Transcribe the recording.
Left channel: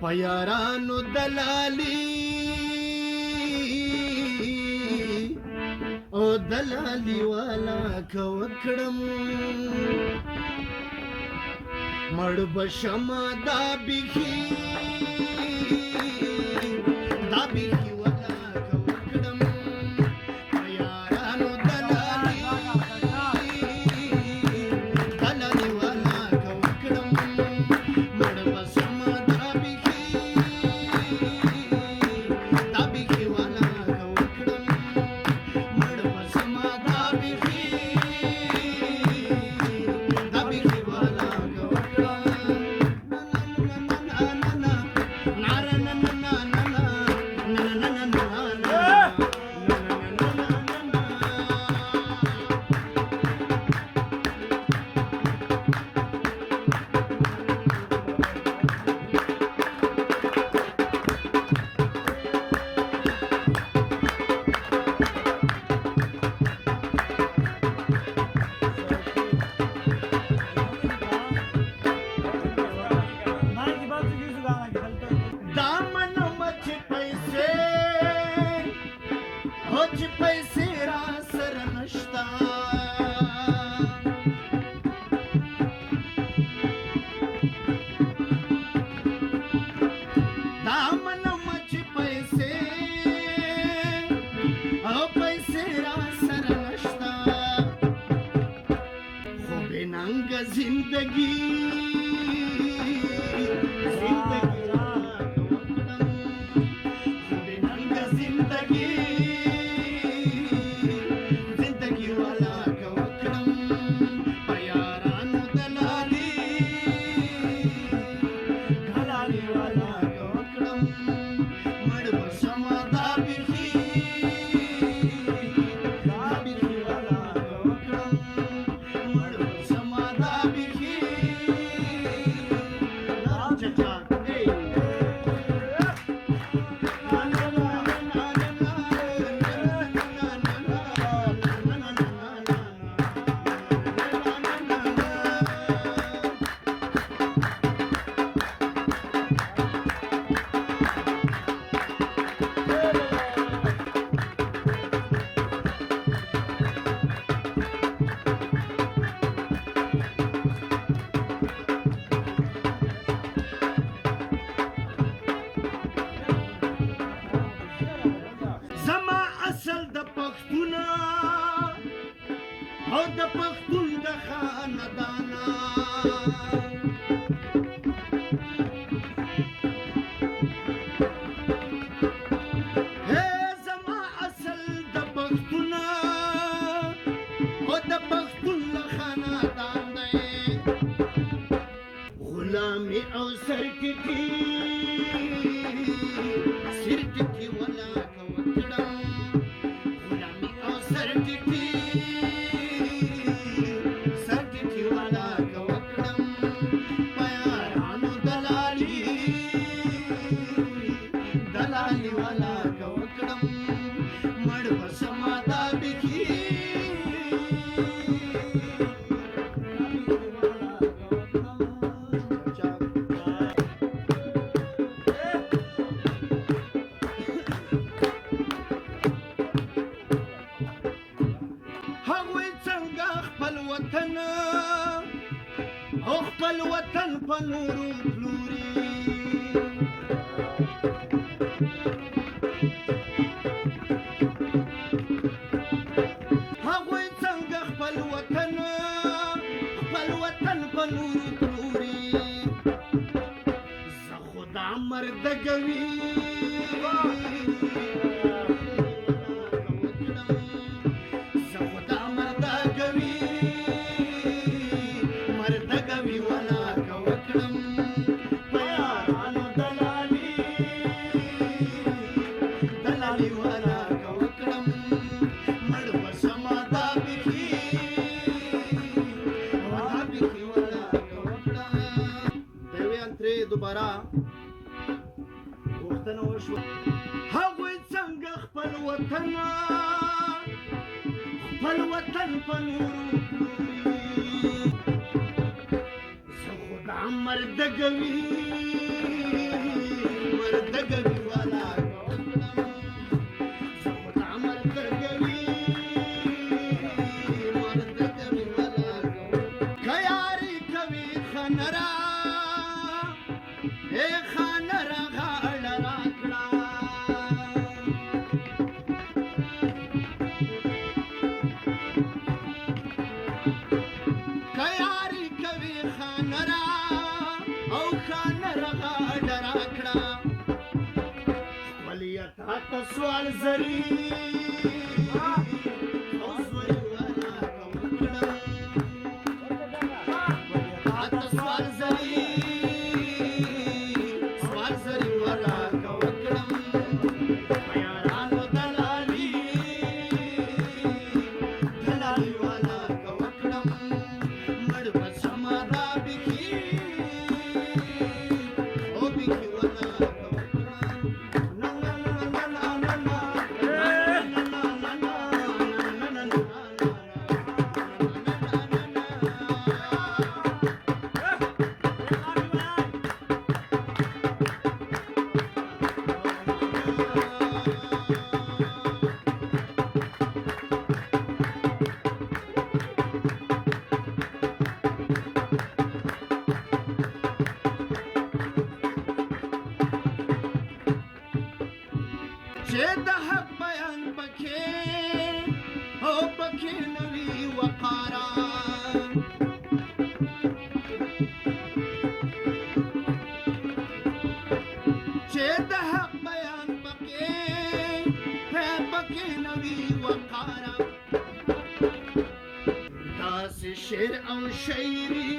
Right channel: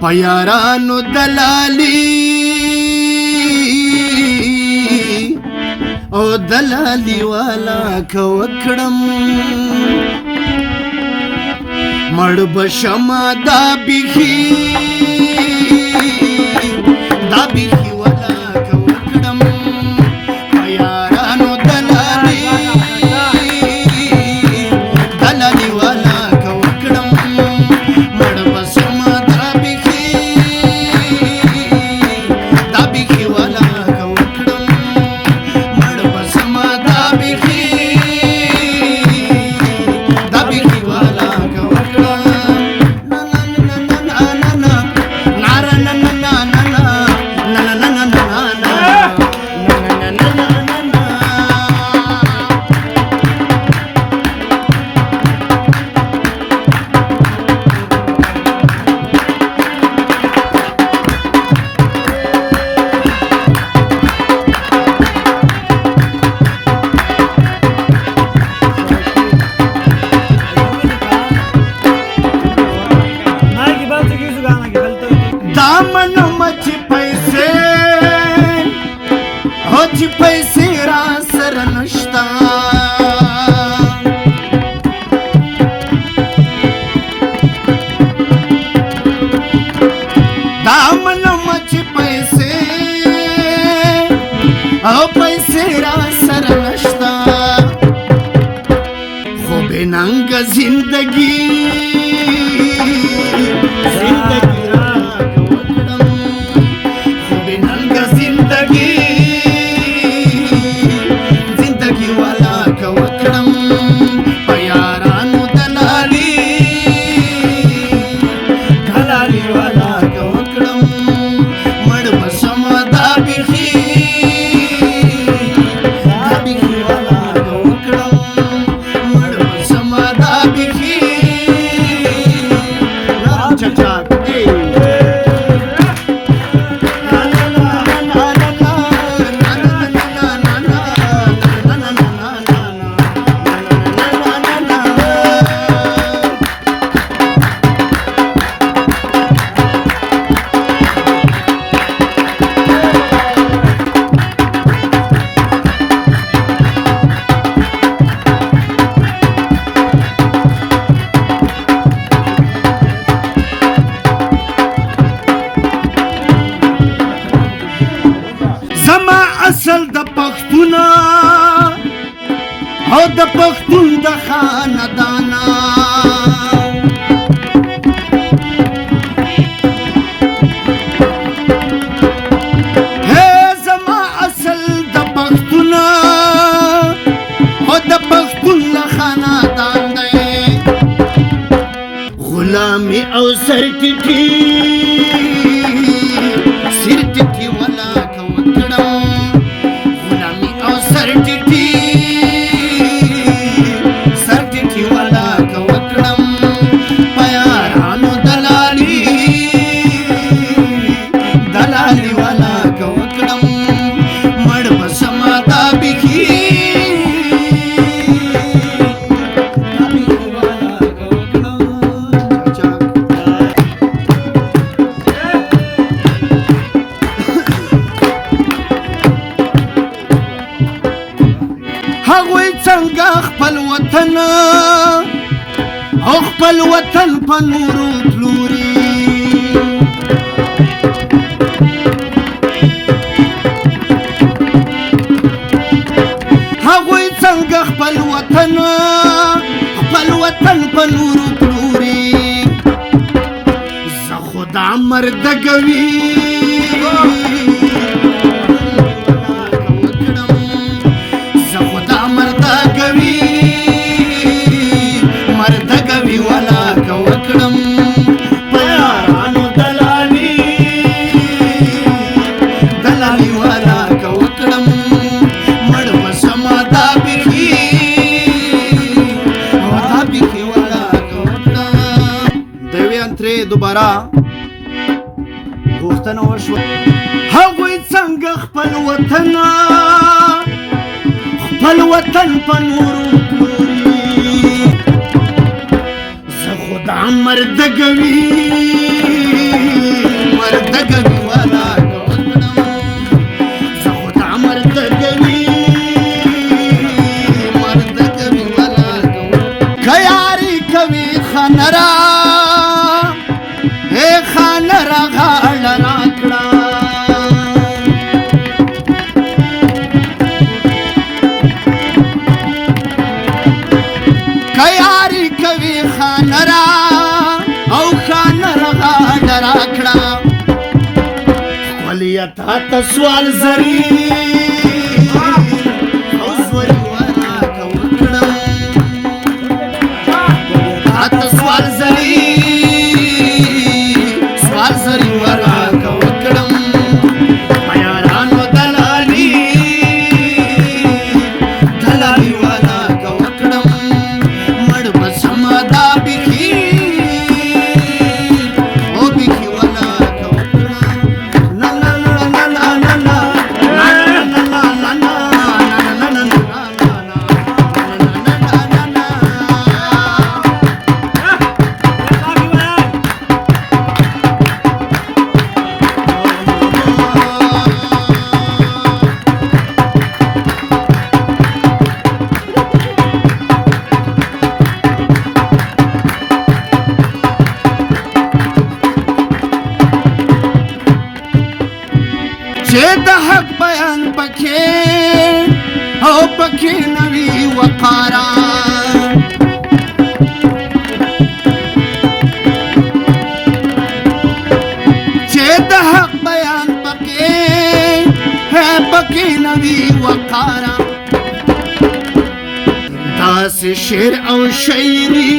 په یارانو دلالي او دلالي والا که وکړم مړ به شمه دا بیخي والا که وکړم په یارانو دلالي والا که وکړم مړ به شمه دا بیخي والا که وکړم مړ به شمه دا بیخي والا که وکړم पैसे را سره نشتا دا منم چې پیسې او پیسې را سره نشتا خو بې ننګه زندګي را وکړم خو بې ننګه زندګي اصل د پښتون او د پښتون د خاندانا هي زما اصل د پښتون او د پښتون د خاندان دی غلامي او سرټټي والا که وکړم سرټټي والا که وکړم په یارانو دلالي والا که وکړم مړ به شمه دا بیخي والا که وکړم هغوی څنګه خپل وطن او خپل وطن په نورو پلوري هغوی څنګه خپل وطن په نورو پلوري زه خو دا مردګوي والا که وکړم په یارانو دلالي والا که وکړم مړ به شمه دا بیخي والا که وکړم دویان ترې دوباره غوښتنه وشوه هغوی څنګه خپل وطن په نورو مردګوي نرغاړه راکړه کياري کوي خانرا او خانرغاړه راکړه خپليتا ته سوال زري او زوري وانا کوکړم خپليتا سوال زري چې د حق بیان پکې او پکې نوي وقارا چې د حق بیان پکې نوي وقارا داسې شعر او شاعري